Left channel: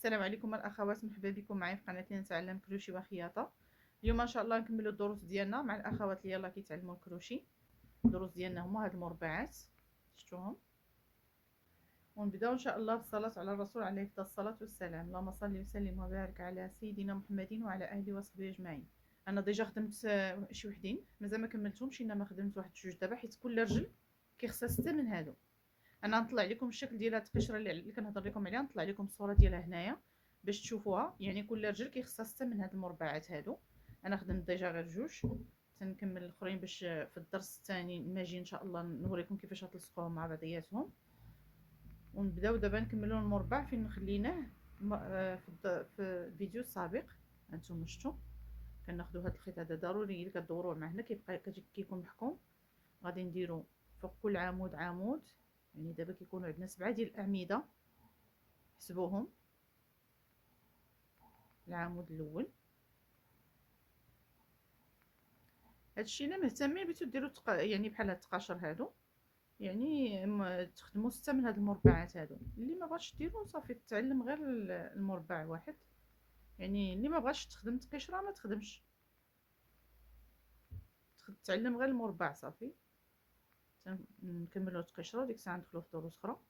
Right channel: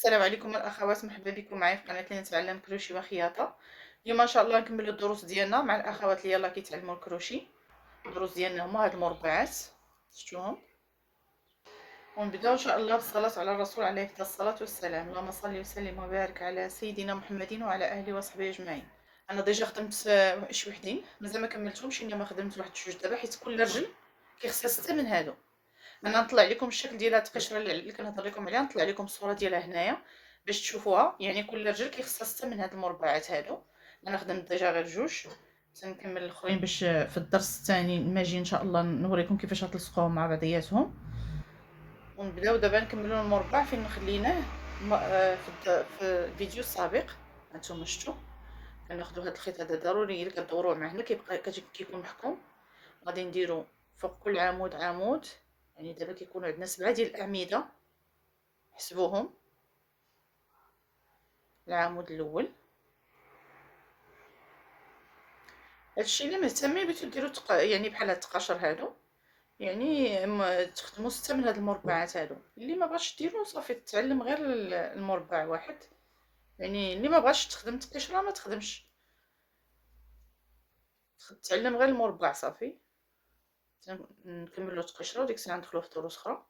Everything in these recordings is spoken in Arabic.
السلام عليكم الاخوات، مرحبا بكم معايا في قناه اللي نتعلم كروشي وخياطه. اليوم ان شاء الله نكملوا الدروس ديالنا مع الاخوات اللي يلاه كيتعلموا الكروشي. الدروس ديالنا هما هاد المربعات شفتوهم، ونبداو ان شاء الله بالصلاه على الرسول عليه افضل الصلاه والسلام. اللهم صل وسلم وبارك على سيدنا محمد وعلى اهله وصحبه اجمعين. انا ديجا خدمت شي وحدين، مازال ما كملتهمش، انما خدمت واحد جوج دابا، حيت كل رجل كيخصها 6 من هادو. انا نطلع لكم الشكل ديال هاد القشره اللي كنهضر لكم عليها، نطلع لكم الصوره ديالها هنايا باش تشوفوها. يعني كل رجل كيخصها 6 من هاد المربعات هادو. انا خدمت ديجا غير جوج، تنكمل الاخرين باش في الدرس الثاني لما اجي ان شاء الله نوريكم كيفاش غتلصقوهم مع بعضياتهم. ونبداو دابا نكملوا المربع فين خليناه في الفيديو السابق. هانتوما شفتوا كناخذوا هاد الخيط هذا ضروري الا كدوروه مع هنا كيبقى كيكون محكوم. غادي نديرو فوق كل عمود عمود، يعني دابا كيكونوا عندنا 7 ديال الاعمده، حسبوهم. العمود الاول، هادشي اللي مهتمين بغيتو ديروا يعني بحال هاد التقاشر هادو، يعني تخدموا 6 من هاد المربعات هادو. اللي ما بغاش ديرو صافي تعلم غير المربع واحد، يعني اللي ما بغاش تخدم التقشره ما تخدمش، تعلم غير المربع صافي. نكملوا التقشره وديك الساعه ندخلوا في دروس اخرى.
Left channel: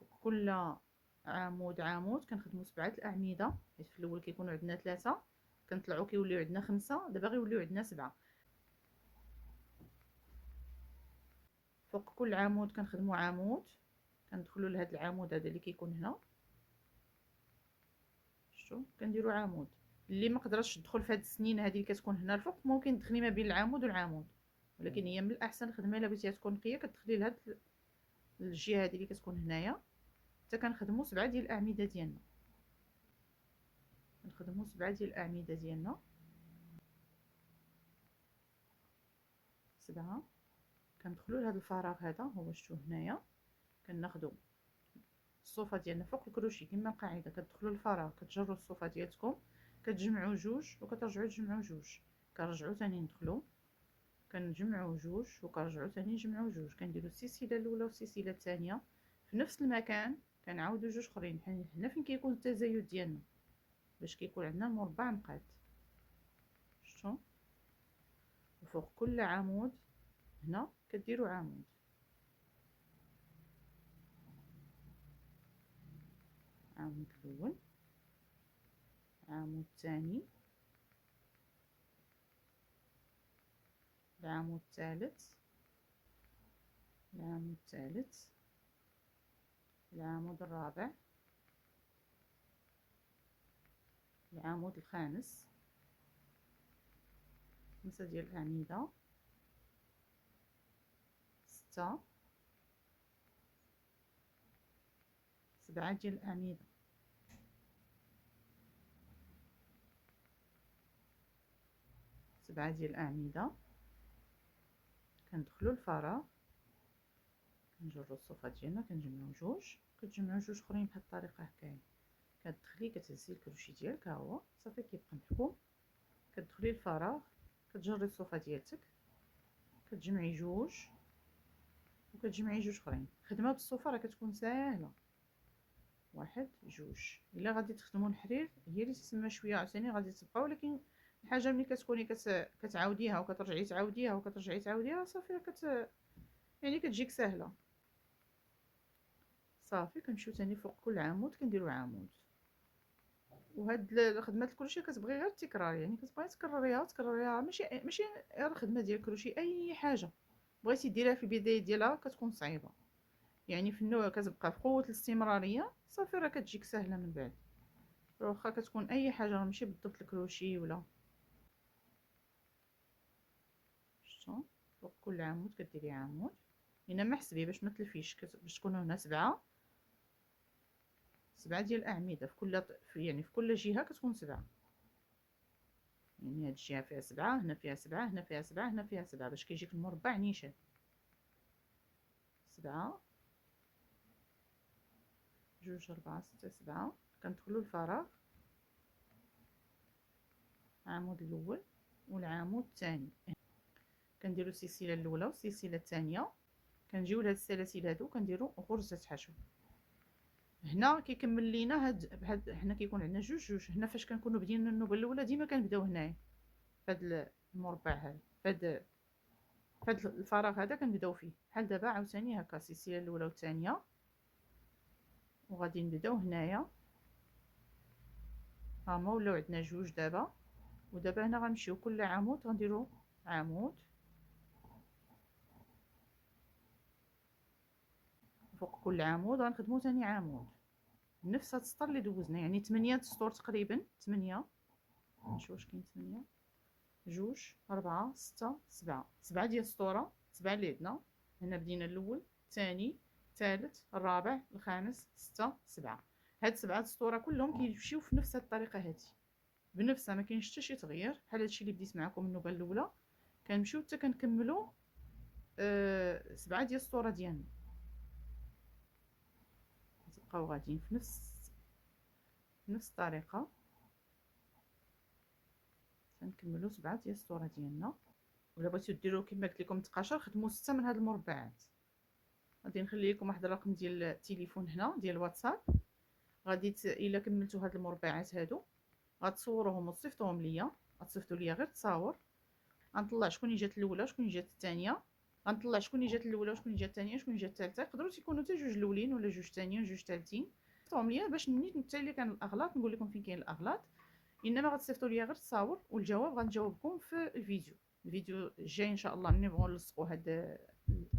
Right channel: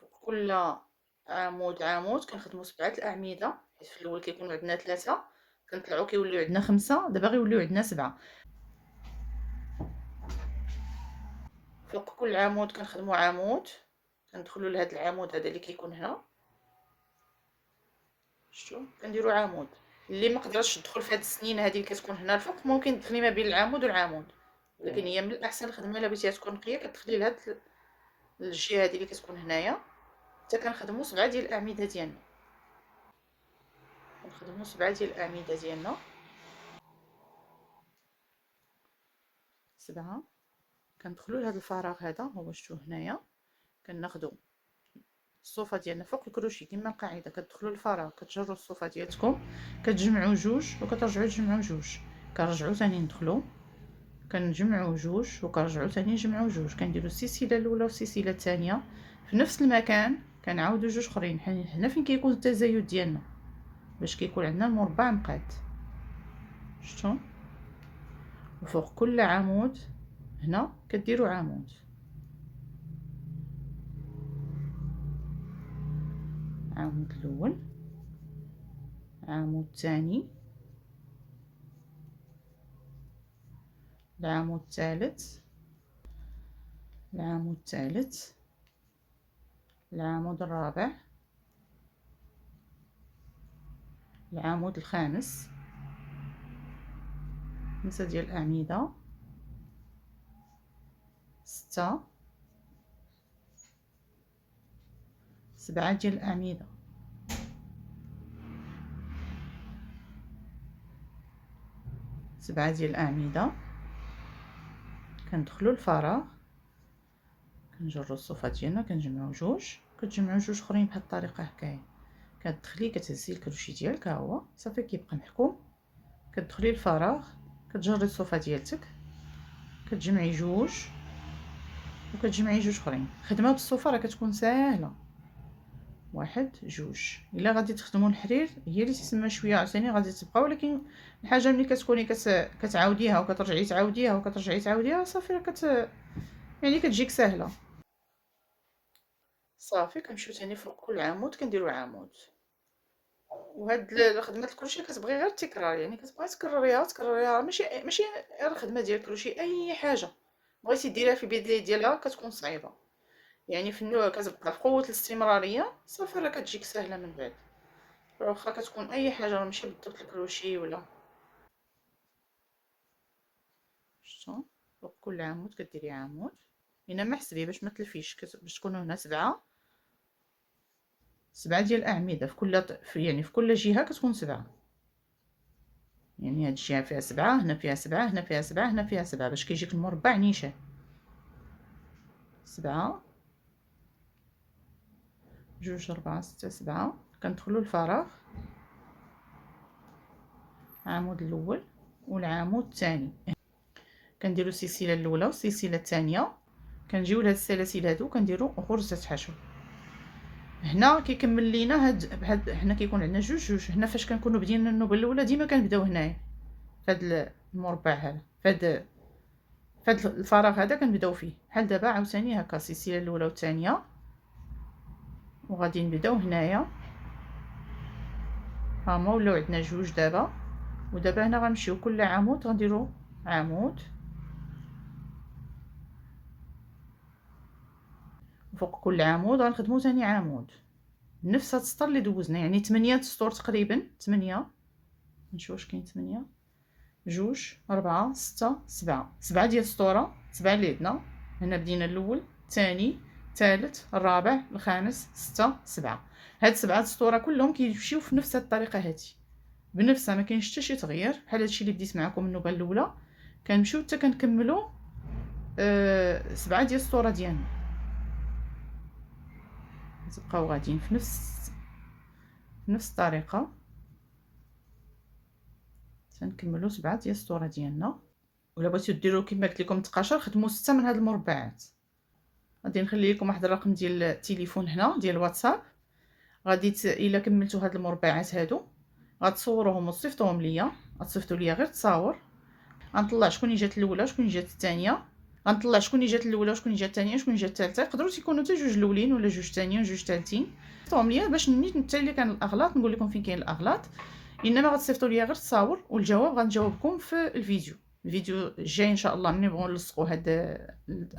فوق كل عمود عمود كنخدموا 7 الاعمده، حيت في الاول كيكونوا عندنا 3، كنطلعوا كيوليو عندنا 5، دابا غيوليو عندنا 7. فوق كل عمود كنخدموا عمود، كندخلوا لهاد العمود هذا اللي كيكون هنا، شفتوا كنديروا عمود. اللي ما قدرتش تدخل في هاد السنين هذه اللي كتكون هنا الفوق، ممكن تدخلي ما بين العمود والعمود، ولكن هي من الاحسن الخدمه الا بغيتيها تكون نقيه كتدخلي لهاد الجهه هذه اللي كتكون هنايا. حتى كنخدموا 7 ديال الاعمده ديالنا، كنخدموا 7 ديال الاعمده ديالنا، 7. كندخلوا لهاد الفراغ هذا، هو شفتوه هنايا. كناخذوا الصوفه ديالنا فوق الكروشي كما القاعده، كتدخلوا للفراغ كتجروا الصوفه ديالتكم، كتجمعوا جوج وكترجعوا تجمعوا جوج، كنرجعوا ثاني ندخلوا كنجمعوا جوج وكنرجعوا ثاني نجمعوا جوج، كنديروا السلسله الاولى والسلسله الثانيه في نفس المكان، كنعاودوا جوج اخرين هنا فين كيكون التزايد ديالنا باش كيكون عندنا المربع مقاد. شفتوا؟ وفوق كل عمود هنا كديروا عمود، عمود الاول، عمود ثاني، العمود الثالث، العمود الثالث، العمود الرابع، العمود الخامس، 5 ديال الاعمده، 6، 7 ديال الاعمده، 7 ديال الاعمده. كندخلوا الفراغ كنجروا الصوفه ديالنا كنجمعوا جوج، كتجمعوا جوج اخرين بهذه الطريقه هكايا. كتدخلي كتهزي الكروشي ديالك، ها هو صافي كيبقى محكوم. كتدخلي الفراغ كتجري الصوفه ديالتك، كتجمعي جوج وكتجمعي جوج اخرين. خدمه بالصوفه راه كتكون ساهله، واحد جوج. الا غادي تخدموا الحرير هي اللي تسمى شويه عاوتاني غادي تبقى، ولكن الحاجه ملي كتكوني كتعاوديها وكترجعي تعاوديها وكترجعي تعاوديها صافي راه يعني كتجيك سهله. صافي كنمشيو ثاني فوق كل عمود كنديروا عمود. وهاد خدمه الكروشي كتبغي غير التكرار، يعني كتبغي تكرريها تكرريها، ماشي غير الخدمه ديال الكروشي، اي حاجه بغيتي ديريها في البدايه ديالها كتكون صعيبه، يعني في النوع كتبقى في قوه الاستمراريه صافي راه كتجيك سهله من بعد. واخا كتكون اي حاجه راه ماشي بالضبط الكروشي ولا. شفتوا؟ فوق كل عمود كديري عمود، هنا ما حسبي باش ما تلفيش، باش تكونوا هنا 7 ديال الاعمده في كل يعني في كل جهه كتكون 7، يعني هاد الجهه فيها 7، هنا فيها 7، هنا فيها 7، هنا فيها 7، باش كيجيك المربع نيشان. 7، جوج، 4، 6، 7. كندخلوا الفراغ، العمود الاول والعمود الثاني، كنديروا السلسله الاولى والسلسله الثانيه، كنجيو لهاد السلاسل هادو كنديروا غرزه حشو. هنا كيكمل لينا هاد حنا كيكون عندنا جوج هنا. فاش كنكونوا بدينا النوبه الاولى ديما كنبداو هنايا فهاد المربع هذا، فهاد الفراغ هذا كنبداو فيه. بحال دابا عاوتاني هكا السلسله الاولى والثانيه، وغادي نبداو هنايا. ها هما ولاو عندنا جوج دابا. ودابا هنا غنمشيو كل عمود غنديرو عمود، فوق كل عمود غنخدمو ثاني عمود نفس هاد السطر اللي دوزنا، يعني 8 سطور تقريبا. 8، نشوف واش كاين 8، 2 4 6 7 ديال السطوره، 7 اللي عندنا. هنا بدينا الاول، الثاني، الثالث، الرابع، الخامس، 6 7. هاد 7 السطوره كلهم كيمشيو في نفس الطريقه هادي، بنفسها، ما كاينش حتى شي تغيير. بحال هادشي اللي بديت معكم النوبه الاولى كنمشيو حتى كنكملوا 7 ديال السطوره ديالنا. تبقاو غاديين في نفس الطريقه، تنكملوا 7 ديال السطوره ديالنا. ولا بغيتو ديروا كما قلت لكم تقاشر، خدموا 6 من هاد المربعات. غادي نخلي لكم واحد الرقم ديال التليفون هنا ديال الواتساب. غادي الا كملتوا هاد المربعات هادو غتصوروهم وتصيفطوهم ليا. غتصيفطوا ليا غير تصاور، غنطلع شكون جات الاولى شكون جات الثانيه، غنطلع شكون جات الاولى وشكون جات الثانيه شكون جات الثالثه. يقدروا يكونوا حتى جوج الاولين ولا جوج ثانيين وجوج ثالثين. صيفطوهم ليا باش نيت حتى اللي كان الاغلاط نقول لكم فين كاين الاغلاط. انما غتصيفطوا ليا غير التصاور، والجواب غنجاوبكم في الفيديو الجاي ان شاء الله. ملي نبغوا نلصقوا هاد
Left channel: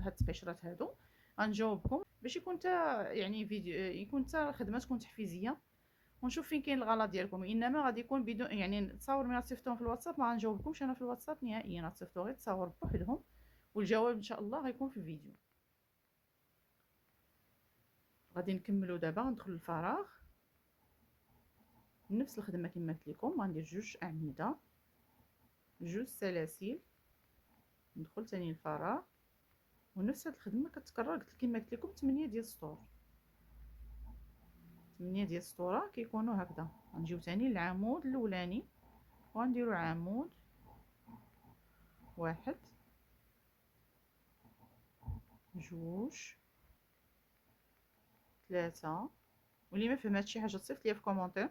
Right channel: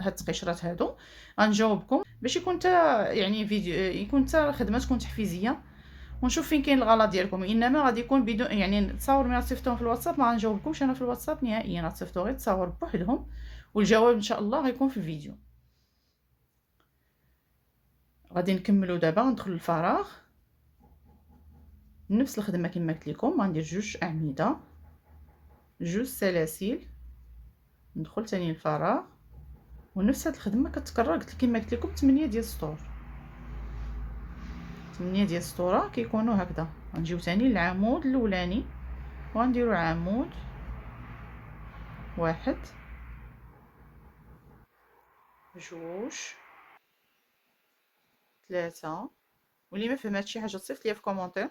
التقشيرات هادو غنجاوبكم باش يكون حتى يعني فيديو، يكون حتى خدمتكم تحفيزيه، ونشوف فين كاين الغلط ديالكم. انما غادي يكون بدون يعني تصاور ملي تصيفطوهم في الواتساب ما غنجاوبكمش انا في الواتساب نهائيا. غتصيفطوا غير تصاور بوحدهم، والجواب ان شاء الله غيكون في الفيديو. غادي نكملوا دابا. ندخل الفراغ، نفس الخدمه كما قلت لكم. غندير جوج اعمده، جوج سلاسل، ندخل ثاني الفراغ، ونفس هاد الخدمه كتكرر. كما قلت لكم 8 ديال السطور، 8 ديال السطوره كيكونوا هكذا. غنجيو ثاني للعمود الاولاني وغنديرو عمود واحد، جوج، ثلاثة. واللي ما فهمات شي حاجه تصيفط ليا في كومونتير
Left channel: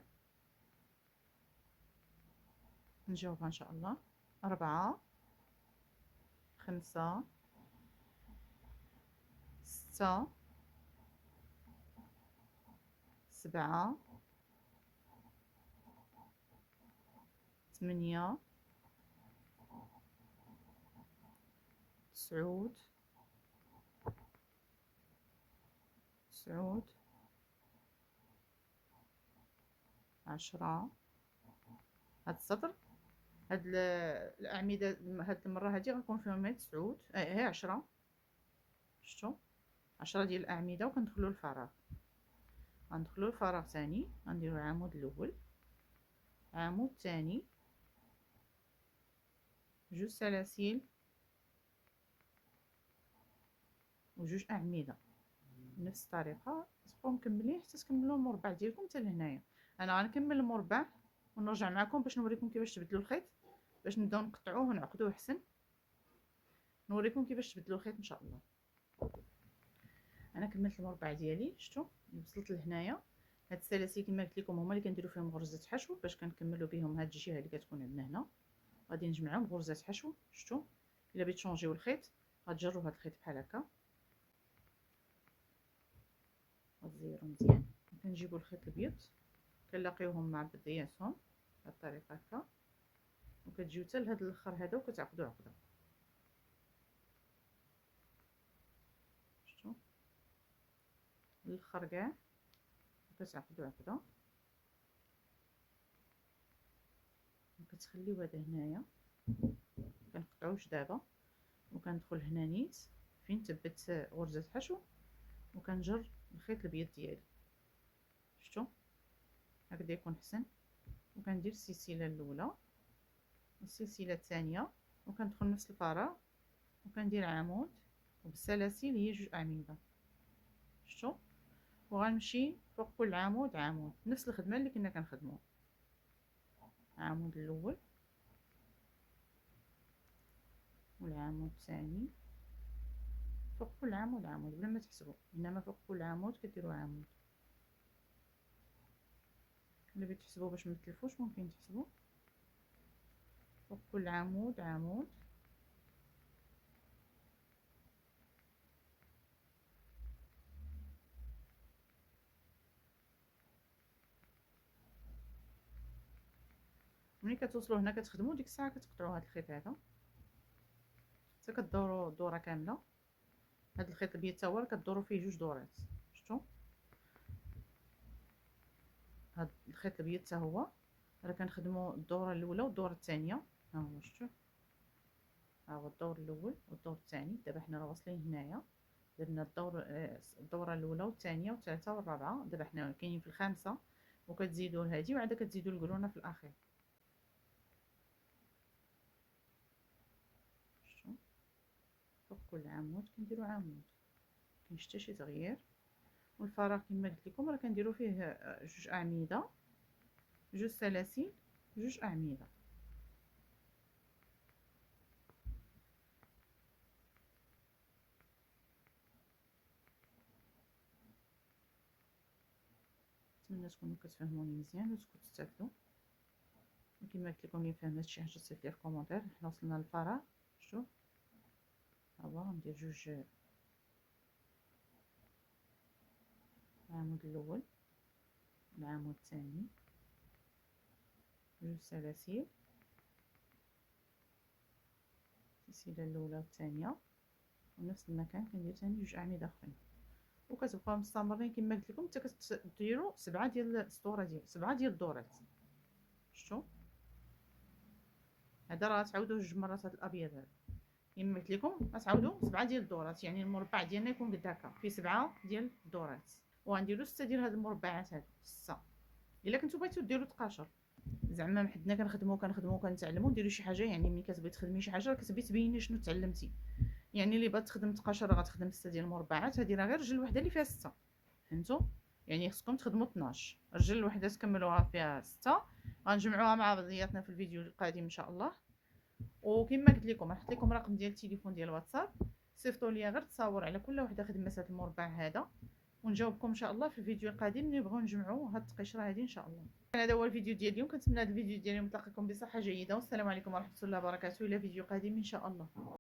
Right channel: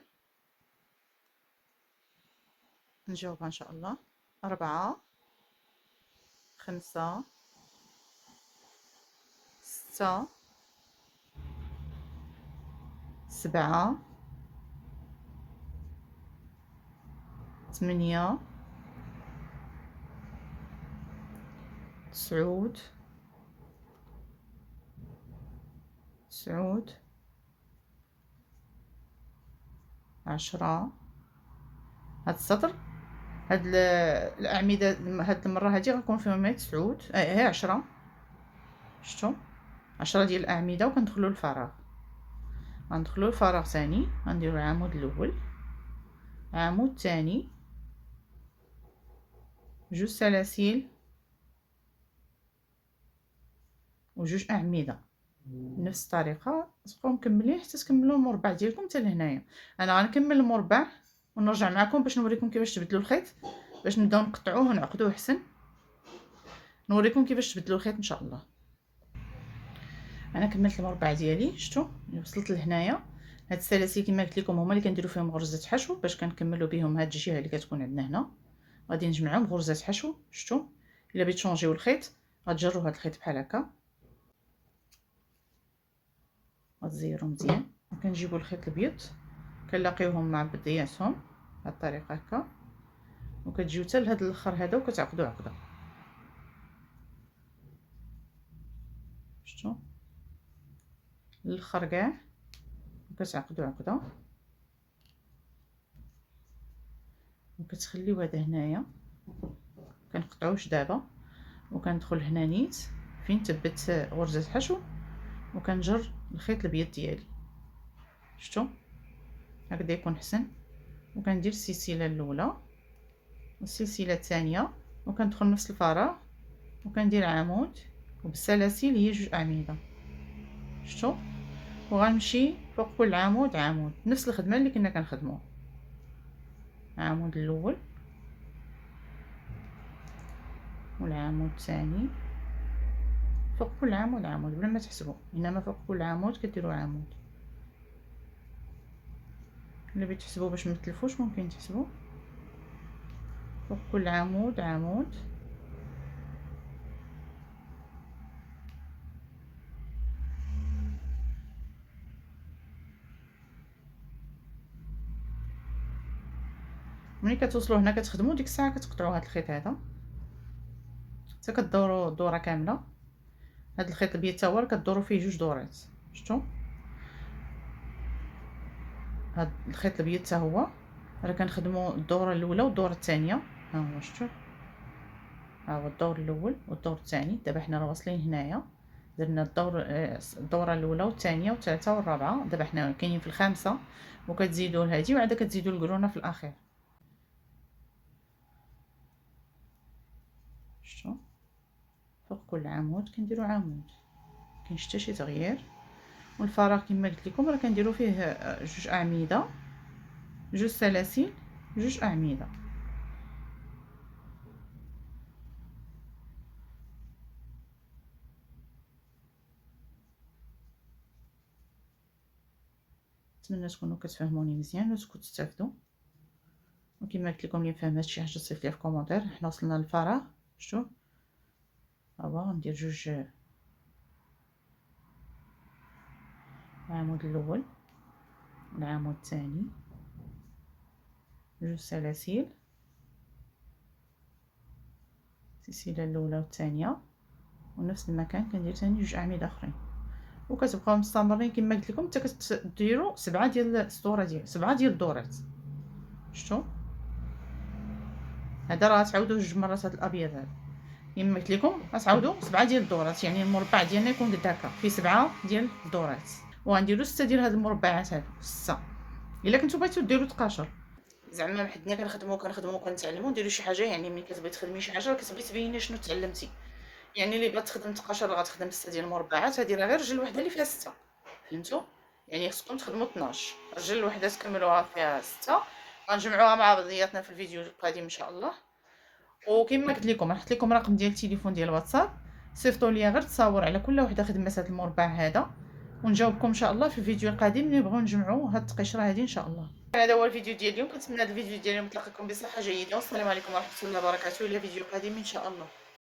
نجاوبها ان شاء الله. 4، 5، 6، 7، 8، 9، 10. هاد السطر، هاد الاعمده هاد المره هادي غنكون فيهم غير 9 هي 10. شفتوا 10 ديال الاعمده. وكندخلوا الفراغ، غندخلوا الفراغ ثاني، غنديروا العمود الاول، عمود ثاني، جوج سلاسل وجوج اعمده. بنفس الطريقه تبقاو مكملين حتى تكملوا المربع ديالكم حتى لهنايا. انا غنكمل المربع ونرجع معكم باش نوريكم كيفاش تبدلوا الخيط، باش نبداو نقطعوه ونعقدوه احسن. نوريكم كيفاش تبدلوا الخيط ان شاء الله. انا كملت المربع ديالي، شفتوا وصلت لهنايا. هاد السلاسل كما قلت لكم هما اللي كنديروا فيهم غرزه حشو باش كنكملوا بهم هاد الجهه اللي كتكون عندنا هنا. غادي نجمعهم غرزه حشو. شفتوا الا بغيت تشونجيو الخيط غتجروا هاد الخيط بحال هكا، غتزيروا مزيان. وكنجيبوا الخيط الابيض كنلاقيوهم مع بدياتهم بهاد الطريقه هكا، وكتجيو حتى لهاد الاخر هذا وكتعقدوا عقده. شفتوا الاخر كاع وكتعقدوا عقده، وكتخليو هذا هنايا. كنقطعوش دابا، وكندخل هنا نيت فين تبت غرزه حشو، وكنجر الخيط الابيض ديالي. شفتوا هكذا يكون حسن. وكندير السلسله الاولى والسلسله الثانيه، وكندخل نفس الفراغ وكندير عمود، وبالسلاسل هي جوج اعمده. شفتوا وغنمشي فوق كل عمود عمود، نفس الخدمه اللي كنا كنخدموها. العمود الاول والعمود الثاني، فوق كل عمود عمود بلا ما تحسبوا، انما فوق كل عمود كديروا عمود. اللي بغيتو تحسبوا باش ما تلفوش ممكن تحسبوا فوق كل عمود عمود. ملي كتوصلوا هنا كتخدموا ديك الساعه كتقطعوا هذا الخيط هذا حتى كدوروا دوره كامله. هذا الخيط الابيض حتى هو راه كدوروا فيه جوج دورات. شفتوا هذا الخيط الابيض حتى هو راه كنخدموا الدوره الاولى والدوره الثانيه. ها هو شفتوا، ها هو الدور الاول والدور الثاني. دابا حنا راه واصلين هنايا درنا الدوره الاولى والثانيه والثالثه والرابعه. دابا حنا كاينين في الخامسه وكتزيدوا لهادي وعاد كتزيدوا القرونه في الاخير. شفتوا فوق كل عمود كنديروا عمود، مكاينش حتى شي تغيير. والفراغ كما قلت لكم راه كنديروا فيه جوج اعمده، جوج سلاسل، جوج اعمده. نتمنى تكونوا كتفهموني مزيان وتكونوا تستافدوا. وكما قلت لكم اللي فهم هادشي حاجه صيفط لي في كومونتير. حنا وصلنا للفراغ. شفتوا هو غندير جوج، العمود الاول والعمود الثاني، جوج سلاسل، السلسله الاولى والثانيه، ونفس المكان كندير ثاني جوج اعمده اخرين. وكتبقاو مستمرين كما قلت لكم حتى كديروا 7 ديال السطوره ديال 7 ديال الدورات. شفتوا هذا راه تعاودوا جوج مرات هذا الابيض هذا. كما قلت لكم غتعاودوا 7 ديال الدورات، يعني المربع ديالنا يكون قد هكا فيه 7 ديال الدورات. وغنديروا 6 ديال هاد المربعات هادو 6. الا كنتو بغيتو ديروا 12 زعما حدنا كنخدموا كنتعلموا نديروا شي حاجه. يعني ملي كتبغي تخدمي شي حاجه كتبغي تبيني شنو تعلمتي. يعني اللي بغات تخدم 12 غتخدم 6 ديال المربعات. هذه راه غير رجل وحده اللي فيها 6. فهمتوا؟ يعني خصكم تخدموا 12 رجل وحده تكملوها فيها 6. غنجمعوها مع بعضياتنا في الفيديو القادم ان شاء الله. وكما قلت لكم نحط لكم رقم ديال التليفون ديال الواتساب، صيفطوا لي غير تصاور على كل وحده خدمات هذا المربع هذا ونجاوبكم ان شاء الله في الفيديو القادم اللي نبغيو نجمعوا هاد التقشره هذه ان شاء الله. هذا هو الفيديو ديال اليوم. كنتمنى هذا الفيديو ديال اليوم تلقاكم بصحه جيده. والسلام عليكم ورحمه الله وبركاته. الى فيديو قادم ان شاء الله.